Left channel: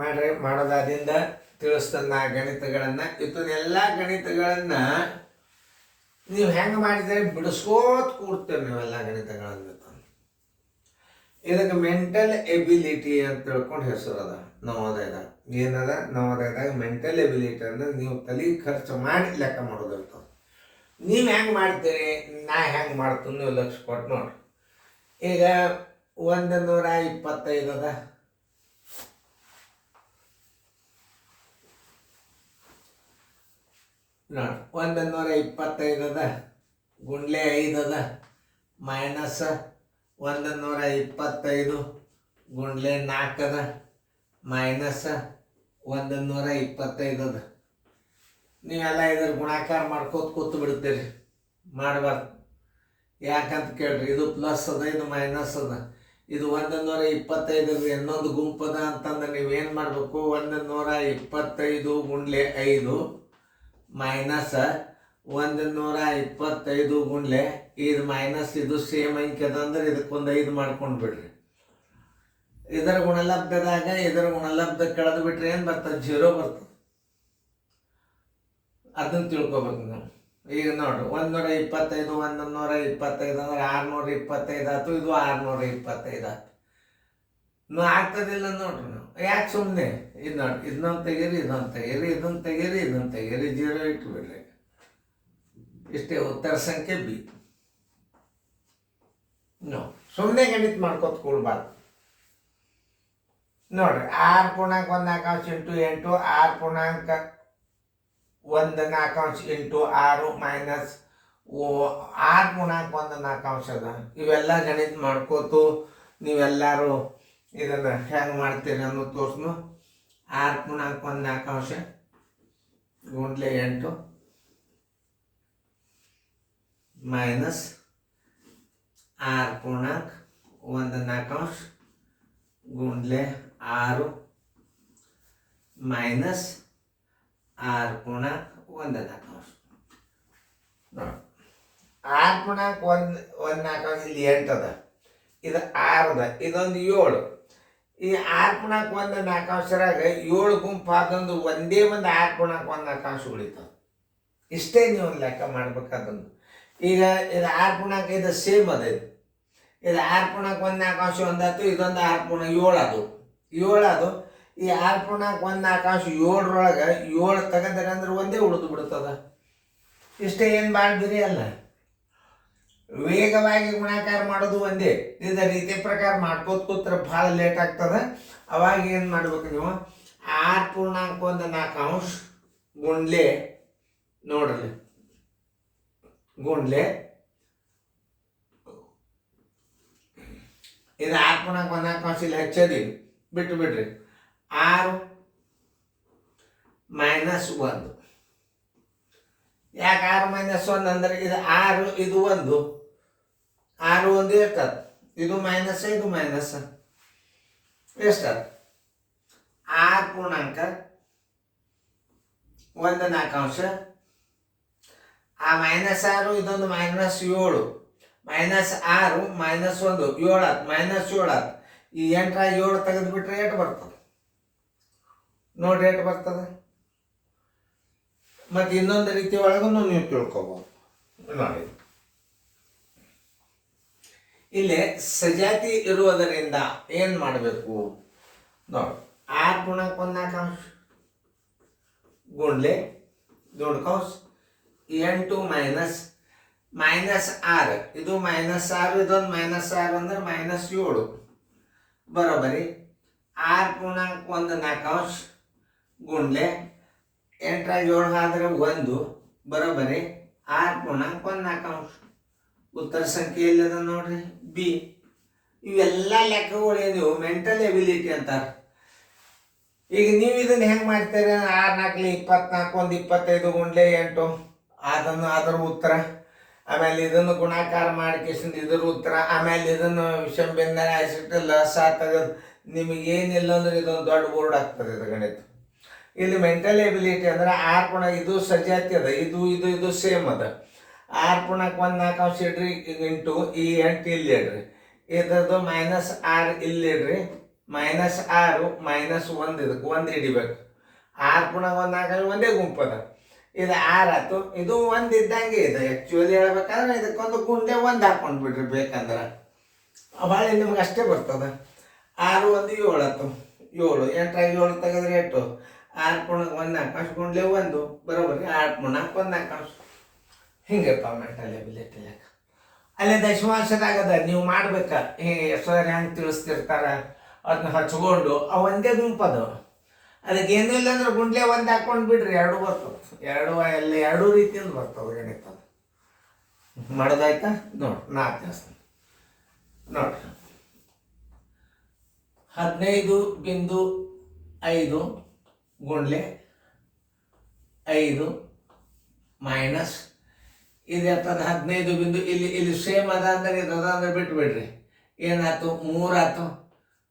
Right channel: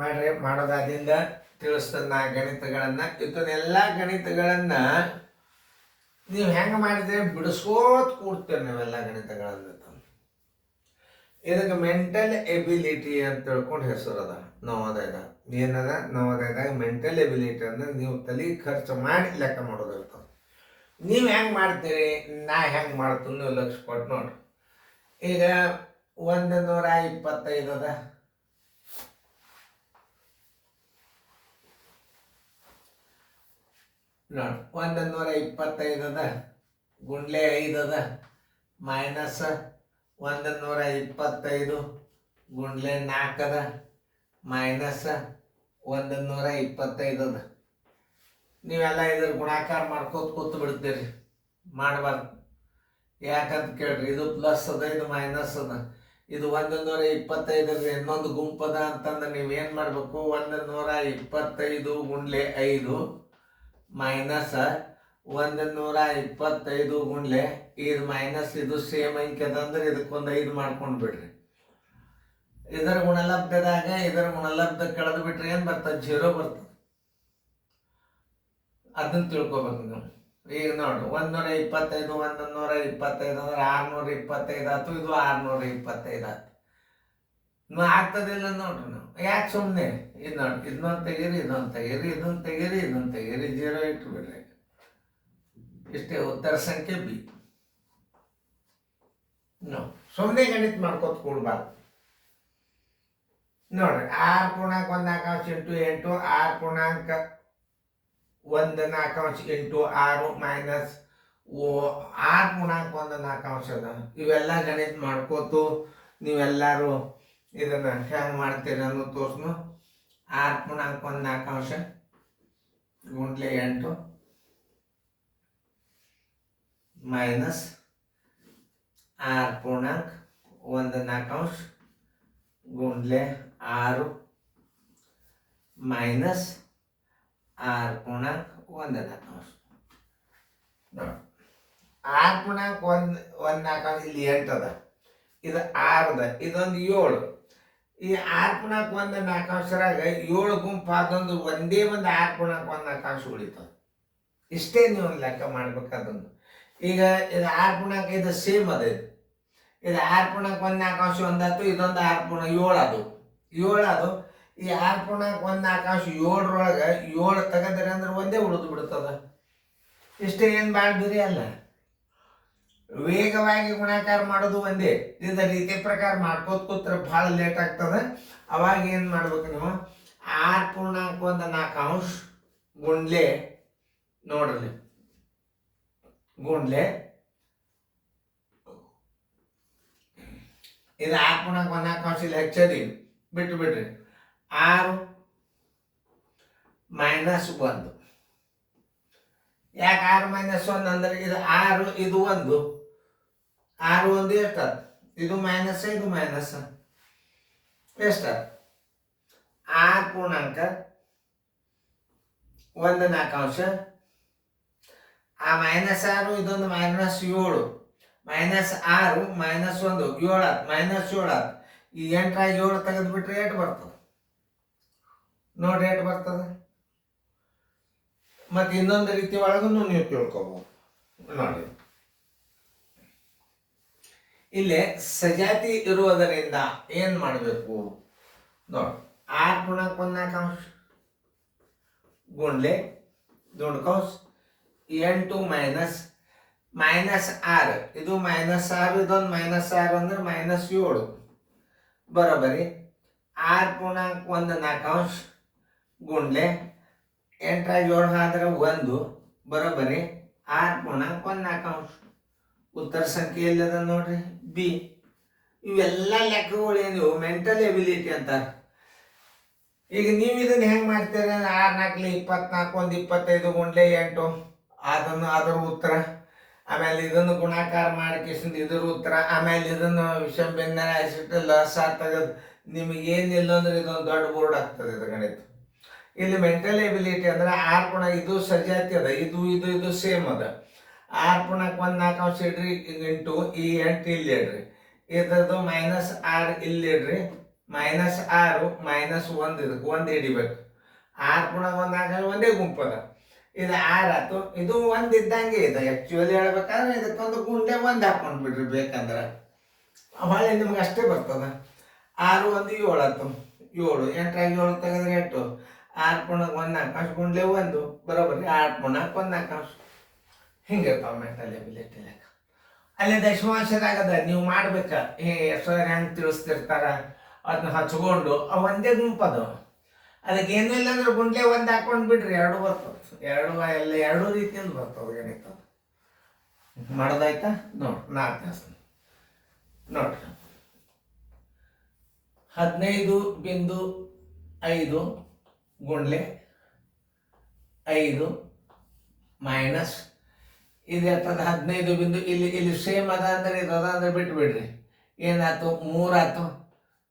ಮಾಡ್ರಿ. ಮಾಡೋದಾದಿಂದ ತಿಳಿಸ್ತನ್ನ ಗಣಿತಗಳನ್ನು. ಇದನ್ನೆಲ್ಲ ಗಣಿತಗಳನ್ನು ನೀವು ಹೆಂಗೆ ಮಾಡಿದ್ರೆ ಬಿಡಿಸ್ಕೋತ ಕೂಡ್ತೀರಿ ನೀವೆಲ್ಲ ಗಣಿತಗಳನ್ನು. ಇದಕ್ಕೆ ಮೆಂಟಲ್ ಎಬಿಲಿಟಿ ಅಂತ ತಿಳ್ಕೊಂಡು ಹೆಸರದ ನವೋದಯದಾಗ. ಏನದ ನವೋದಯದಾಗ ಮೆಂಟಲ್ ಎಬಿಲಿಟಿ ಅಂದ್ರೆ ನೀವು ತಲೆ ಖರ್ಚು ಮಾಡಿ ಲೆಕ್ಕ ಮಾಡೋದಿರ್ತದೆ. ನೀವು ಹೆಂಗೆ ಮಾಡ್ತೀರಿ, ನಾ ಹೆಂಗೆ ಮಾಡ್ತೀನಿ ನೀವು ಲಕ್ಷ ಕೊಟ್ಟು ನೋಡ್ರಿ. ಈಗ 125 ಅದ, ನೋಡಿ 125 ಅದ, ಗುಂಡ್ಲೆ 5 ಅದ, ಮೈನಸ್ 125 ಗುಂಡ್ಲೆ 4 ಅದ, ಮೈನಸ್ 125 ಅದ. ನೀವೆಲ್ಲ ಇದ್ರ ಗುಣಾಕಾರ ಮಾಡ್ಕೋತ ಕೂತು ಬಿಡ್ತೀರಿ, ಮಾಡಬಾರ್ದು. ಯಾಕಂತ ಕೇಳ್ರಿ, ಇದು ಪ್ಲಸ್ ಅದ, ಇದು ಮೈನಸ್ ಅದ. ಇದು 125 ಇನ್ನೊಂದು ಗುಂಪದ ಅಂತಂದ್ರೆ ನೀವೇನು ಮಾಡಬೇಕು, 125 ಗುಂಡ್ಲೆ 5 ಮೈನಸ್ 125 ಗುಂಡ್ಲೆ ಇದು ಮೈನಸ್ ಇದು ಸೇಮ್ ಅಂಕೆ ಅದ ಅಂದ್ರೆ ಇದಕ್ಕೊಂದು 5 ಮಾಡ್ಕೊಂಡು ಬಿಡ್ರಿ. ಇದರ ಗುಣಲಬ್ಧದಾಗ ಇದರ ಗುಣಲಬ್ಧ ಕಳೆದು ಬಿಟ್ರೆ ಏನು ಬರ್ತದೆ, 0 ಬರ್ತದೆ. ಅದನ್ನು ತಿಳ್ಕೊಬೇಕು ನಾವು. ಈಗ ನೋಡ್ರಿ 125 125 ಅಂದ್ರೆ 625 ಆಯ್ತು, ಇದು 625 ಆಯ್ತು. ಆಗ್ತದಿಲ್ಲ ನೋಡ್ರಿ. ನಾವು ಯಾಕೆ ಸುಮ್ಮನೆ ಇದು ನೋಡಿ, ಇದನ್ನೊಂದು ತೆಗೀರಿ, ಇದೊಂದು ತೆಗೀರಿ, ಇದನ್ನು ತೆಗೀರಿ, ಇದನ್ನು ತೆಗೀರಿ, 0 ಇಟ್ಟು ಬಿಡ್ರಿ. ಇಷ್ಟೇ ಉತ್ತರ ಸಂಖ್ಯೆ ಬಿ. ಸುಮ್ಮನೆ ಗಣಿತ ಮಾಡ್ಕೊತ ಕೂಡಬಾರ್ದು. ನೋಡ್ರಿ 6 ಪೂರ್ಣಾಂಕ 1 4 ಇಂಟು 8, 6 ಪೂರ್ಣಾಂಕ 1 4 ಇಂಟು 6 ಮೈನಸ್ 6 ಪೂರ್ಣಾಂಕ 1 4 ಅದ. ಇವೆಲ್ಲ ಗಣಿತ ಮಾಡ್ಕೋತು ನೀವೆಲ್ಲರೂ ಇದನ್ನು ಹೆಂಗೆ ಮಾಡ್ತೀರಿ ಅನ್ನೋದು ತೋರ್ಸ್ನು. 6 ಪೂರ್ಣಾಂಕ 1 4 ಗುಂಡ್ಲೆ 8 ಮೈನಸ್ 6 ಪೂರ್ಣಾಂಕ 1 4 ಗುಂಡ್ಲೆ 6 ಮೈನಸ್ 6 ಪೂರ್ಣಾಂಕ 1 4. ನೋಡಿ 6 ಪೂರ್ಣಾಂಕ 1 4 ಇಲ್ಲಿ 8 ಅದ, ಇದು 6 ಅದ, ಇದೊಂದು 7. ಈ 6 ಪೂರ್ಣಾಂಕ 1 4 7 ಗುಂಪು ಅದೊಂದು ಒಂದೇ ಒಂದು 6 ಪೂರ್ಣಾಂಕ 1 4 ಉಳಿತದೆ. ಇಷ್ಟೇ ನೀವು ಲೆಕ್ಕ ಮಾಡ್ಬೇಕಾದೊಂದು. ಈಗ ಇದು 6 ಪೂರ್ಣಾಂಕ ಇದು ಸೇಮ್ ಅದ, ಇದು 6 ಪೂರ್ಣಾಂಕ 1 4 ಒಂದಾಯ್ತು, ಇದೊಂದು 6 ಪೂರ್ಣಾಂಕ 7 ಅದು 7 ಅದು. ಈ 6 ಪೂರ್ಣಾಂಕ 1 4 7ರೊಳಗೆ 7 ತೆಗೆದ್ರೆ ಅಂದ್ರೆ ಒಂದೇ ಉಳಿದು ಬಿಡ್ತದ. ಇಷ್ಟೇ ಏನು ಮಾಡಿದ್ರಿ ಅಲ್ಲ. ವೇಗವಾಗಿ ಗುಣಾಕಾರ ಮಾಡೋದು ಒಂದೇ. ಇದ ರೀತಿ ಪ್ರಕಾರ ಮಾಡ್ಕೋತ ಕೂತ್ರೆ ಭಾಳ ಲೇಟ್ ಆಗ್ತದೆ. ಅವಾಗ ಏನು ಮಾಡ್ಬೇಕು ನೀವು, 6 ಪೂರ್ಣಾಂಕ 1 4 ಗುಂಡ್ಲೆ ನೋಡ್ರಿ, ಗುಂಡ್ಲೆ ಇದು 6 ಪೂರ್ಣಾಂಕ 1 4 ಇಲ್ಲಿ ಹೆಚ್ಚದಿ ಬಿಟ್ಟು ಬಿಡ್ರಿ. 6 ಮೈನಸ್ 1. ಯಾಕೆ 6 ಮೈನಸ್ 1 ಅಂದ್ರೆ ಇದು 6 ಇದು 1 6 1 ಇರ್ತದೆ, ಇದು ಮೈನಸ್ ಇದು ಮೈನಸ್ ಎಷ್ಟು 6 ಪೂರ್ಣಾಂಕ 1 4 ಆ ಮೈನಸ್ 6 ಇದೊಂದು ಮೈನಸ್ 7 ಮೈನಸ್ 6 ಮೈನಸ್ 1 7 ಆಯ್ತು, ಮೈನಸ್ 7 ಆಯ್ತು. ಈ 8 7 ತೆಗೆದು ಬಿಟ್ರೆ 8 ಬರ್ತದೆ ನೋಡ್ರಿ, 8 ಬರ್ತದೆ. ಮತ್ತು ಇನ್ನೊಂದು ರೀತಿ ಒಳಗೂ ನೀವು ತಿಳ್ಕೊಬೋದು ನೋಡಿ. ಇಲ್ಲಿ ಸಜಾತಿ ಇರುವುದರಿಂದ ಏನು ಮಾಡಬೇಕು ನೋಡಿ. 6 ಪೂರ್ಣಾಂಕ 1 4 ಗುಂಡ್ಲೆ ದೊಡ್ಡ ಕೌಸ್ 8 ಮೈನಸ್ ಮೈನಸ್ 6 ಇದು ಮೈನಸ್ 6 ಇದೊಂದು ಮೈನಸ್ 6 ಅಂದ್ರೆ ಮೈನಸ್ 7 ಬರೋಬರಿ. 6 ಪೂರ್ಣಾಂಕ 1 4 ಗುಂಡ್ಲೆ 8 7 ಆದ್ರೆ 1 ಬರೋಬರಿ 6 ಪೂರ್ಣಾಂಕ 1 4. ಉತ್ತರ ಸಂಖ್ಯೆ ಎಲ್ಲದ ನೋಡ್ರಿ, ಬಿ. ಇವೆಲ್ಲ ಲೆಕ್ಕಗಳು ಏನಿವು ಮೆಂಟಲ್ ಎಬಿಲಿಟಿ ಅಂತಾರೆ. ಈಗ ನೀವು ಇದನ್ನು ಹೆಂಗೆ ಮಾಡ್ತೀರಿ, 6 4 24 1 25 ಗುಂಡ್ಲೆ 8 ಅದನ್ನು ಅದರ ಉತ್ತರ. ಆಮೇಲೆ ಇದನ್ನು ಗುಣಾಕಾರ ಮಾಡಿಕೆಸಿಂದ ಇದ್ರ ಉತ್ತರ. ಆಮೇಲೆ ಇದನ್ನು ವಿಷಂಬಿನ್ನ ಆಯ್ಸಿಟ್ಟು ಲಸ ತೆಗೆದು ನಿಮಗೇನಿಲ್ಲ ಅಂದ್ರೆ ಇದೊಂದು ದೊಡ್ಡ ಬೋರ್ಡ್ ಆಗ್ತದೆ ಇದು ಗಣಿತ. ಇಲ್ಲಿ ಮೆಂಟಲ್ ಎಬಿಲಿಟಿ ಅಂದ್ರೆ 6 ಪೂರ್ಣ ಇದು ಸಜಾತಿ ಅದ, ಇದು ಇದು ಇದು ಸೇಮ್ ಅದ. 6 ಪೂರ್ಣಾಂಕ 1 4 ಇಡ್ರಿ ಇಂಟು ಈ 8 ಇಲ್ಲಿ ಇಡ್ರಿ, ಇದ್ರದ್ದು ಮೈನಸ್ 6 ಇಲ್ಲಿ ಇಡ್ರಿ, -6 -1 ಇದಕ್ಕೆ 1 ಹಿಡಿಬೇಕು. 6 ಪುನಃ 1 ಆಗ ಒಂದೇ ಗುಂಪದ. ಇದು 6 ಆಯ್ತು. ಇದು 1 ಇದ್ದಂಗೆ ಇದೆ. ಆ್ಯಕ್ಚುಲಿ ಹೇಳ್ಬೇಕಾದ್ರೆ ಇದಕ್ಕೊಂದು ಗುಂಡೆ 1 ಹಾಕೊಂಡು ಬಿಡ್ರಿ ಬೇಕಂದ್ರೆ. ಭಾಳ ನಿಮ್ಗೆ ಅಷ್ಟೇ ಬರ್ತದೆ. 6 1 7 ಆಯ್ತು. 7 8 7 ತೆಗೆದ್ರೆ 8. 6 ಪುನಃ 1 4 ಗುಂಡ್ಲೆ 1 ಬರೋಬರಿ. 6 ಪುನಃ 1 4 ಹಿಂಗಪ್ಪ ಮೆಂಟಲ್ ಎಬಿಲಿಟಿ ಲೆಕ್ಕ. ಅಲ್ಲೇ ದಶಮಾಂಶದಾಗದ ನೀವು ಮಾಡ್ಬೇಕ. ಸರ್ ಹೆಂಗೆ ತಿಳಿಸ್ತಿರ್ತಾರ ಅದನ್ನ ಹಚ್ಕೊಂಡು ಒಂದೇ ಗುಂಪದು. ಅದಕ್ಕೆ ಏನೂ ಇಲ್ಲ ಅಂದ್ರೆ ಗುಂಡ್ಲೆ 1 ಹಾಕೊಂಡು ಬಿಡ್ರಿ, 2 ಬರ್ತವೆ. 2 ಎಲ್ಲ 2 ರೀತಿಯಿಂದ ಬರ್ತವೆ. ಏನಿರ್ತದೆ ಮಾಡೋದಾಯ್ತಾ ನೋಡಿ. 4 ನೋಡ್ರಿ 15.5 ಗುಂಡ್ಲೆ 5 ಮೈನಸ್ ಇದು ಇರ್ತದೆ 15 ಬಿಂದು. ಇಲ್ಲಿ ಸೇಮ್ ಅದ ಅಂದ್ರೆ ಇದು ಅದ ಅಂದ್ರೆ ಬಿಟ್ಬಿಡ್ರಿ. ಏನಾಯ್ತು 3 ಆಯ್ತು.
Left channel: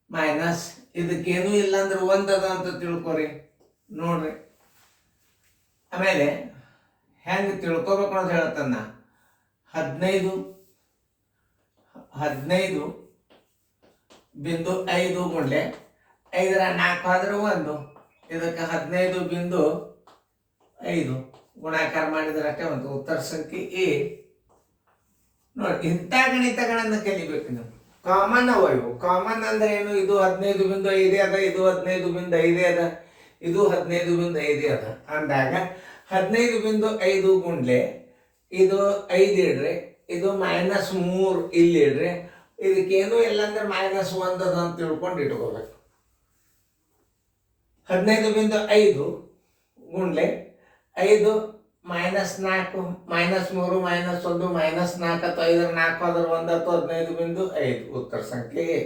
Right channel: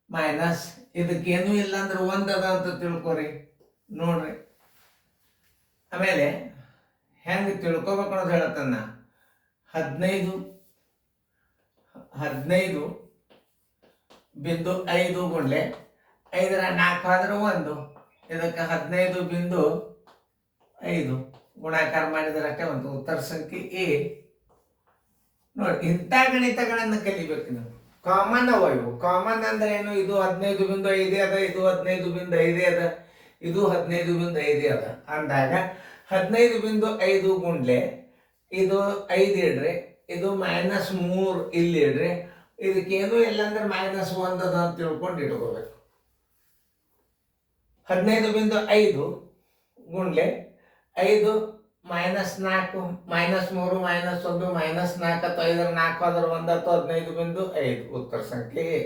ಮೈನಸ್ ಇದಕ್ಕೇನೂ ಇಲ್ಲ ಅಂದ್ರೆ 1 ಅದ ಅಂತ ತಿಳ್ಕೊರಿ ನೋಡ್ರಿ. ಆಮೇಲೆ ಹೆಂಗೆ ತಿಳ್ಕೊಬೇಕು ಅನ್ನೋದು ಹೇಳ್ತಾನ. 15.5 ಗುಂಡ್ಲೆ 5ರ 4 ಆದ್ರೆ 1. ಇದಕ್ಕೆ 15.5 ಗುಣಾಕಾರ ಮಾಡಿದ್ರೆ ಅಷ್ಟೇ ಒಂದು ಉತ್ತರ ಸಂಖ್ಯೆ ಎ. ನೋಡಿ ಇಂಥ ಗಣಿತಗಳನ್ನು ಕಲಿಬೇಕು ನೀವು. ಕಾಮನ್ ಅವ ಇವು. ಕಾಮನ್ ಅಂದ್ರೆ ಏನು? ಇದು 15.5 ಅದ, ಇದು 15.5 ಅದ, ಇದು 15.5 ಅದ ಅಂದಾಗ 15.5 ಗುಂಡ್ಲೆ ಇದು 5 ಇಡ್ರಿ, ಇದು -3 ಇಲ್ಲಿ ಇಡ್ರಿ. ಇದಕ್ಕೇನು ಇಲ್ಲ ಅಂದ್ರೆ -1 ಅದ ಅಂತ ತಿಳ್ಕೊಂಡು ಇಟ್ಕೋಬೇಕು. 15.5 ಗುಂಡ್ಲೆ 5 -4 -3 -1 -4 5 4 ಆದ್ರೆ 1 15.5 ಉತ್ತರ ಸಂಖ್ಯೆ ಎ.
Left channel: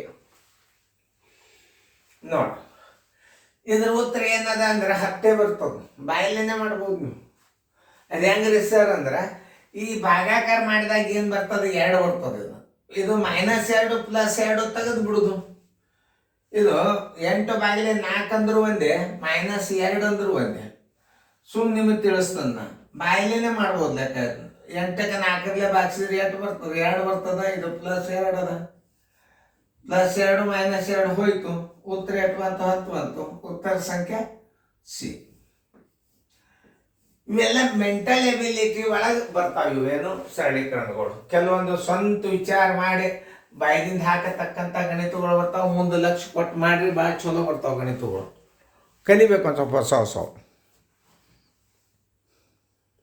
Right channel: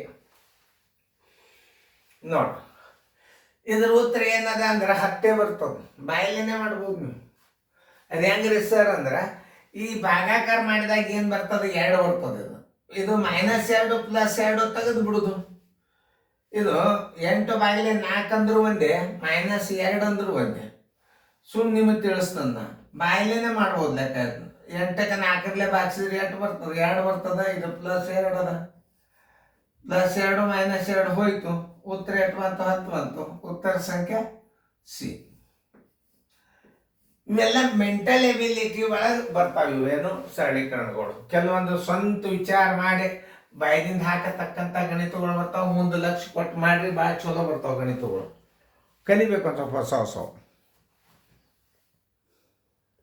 ನೋಡಿ ಇದ್ರ ಉತ್ತರ ಏನದ ಅಂದ್ರೆ 10 ಬರ್ತದೆ. ಬಾಯಲ್ಲೇನೆ ಮಾಡ್ಬೋದು ನೀವು. ಅದು ಹೆಂಗ್ರಿ ಸರ್ ಅಂದ್ರೆ ಈ ಭಾಗಾಕಾರ ಮಾಡಿದಾಗ ಏನು ಬರ್ತದೆ? 2 ಬರ್ತದೆ. ಇದು -2 +2 ತೆಗೆದು ಬಿಡುದು. ಇದು 8/4 ಅಂದ್ರೂ ಒಂದೇ, -2 ಅಂದ್ರೂ ಒಂದೇ. ಸುಮ್ಮನೆ ನಿಮಗೆ ತಿಳಿಸ್ತಂದ ಬಾಯಿಲೇನೆ ಮಾಡ್ಬೋದು ಲೆಕ್ಕ. 8ಕ್ಕೆ 4 ಬಾಗಿಸಿದ್ರೆ 8 ಬರ್ತದೆ, 2 ಬರ್ತದ. ಇದು +2 ಅದ, +2 -2 ಹೋಯ್ತು. ಉತ್ತರ 8 ಬಂತು, 10 ಬಂತು. ಉತ್ತರ ಸಂಖ್ಯೆ ಸಿ. ಇವೆಲ್ಲ ಮೆಂಟಲ್ ಎಬಿಲಿಟಿ ಒಳಗೆ ಬರ್ತಾವೆ. ಇವೇನು ಸರಳೀಕರಣಗಳು. ಕೆಲವೊಂದು ಸ್ವಂತ ವಿಚಾರ ಮಾಡಿ ಬಾಯಿದಿಂದ ಹಾಕತಕ್ಕಂಥ ಗಣಿತಗಳು ಬರ್ತಾವೆ. ಮುಂದೆ ಲಕ್ಷ ಕೊಟ್ಟು ಮಾಡ್ರಿ ಭಾಳ ಚಲೋ ಬರ್ತಾವೆ ಗಣಿತಗಳು. ಕಲಿಬೇಕು ಅಂತ ಸ್ವಲ್ಪ ಹೊಸ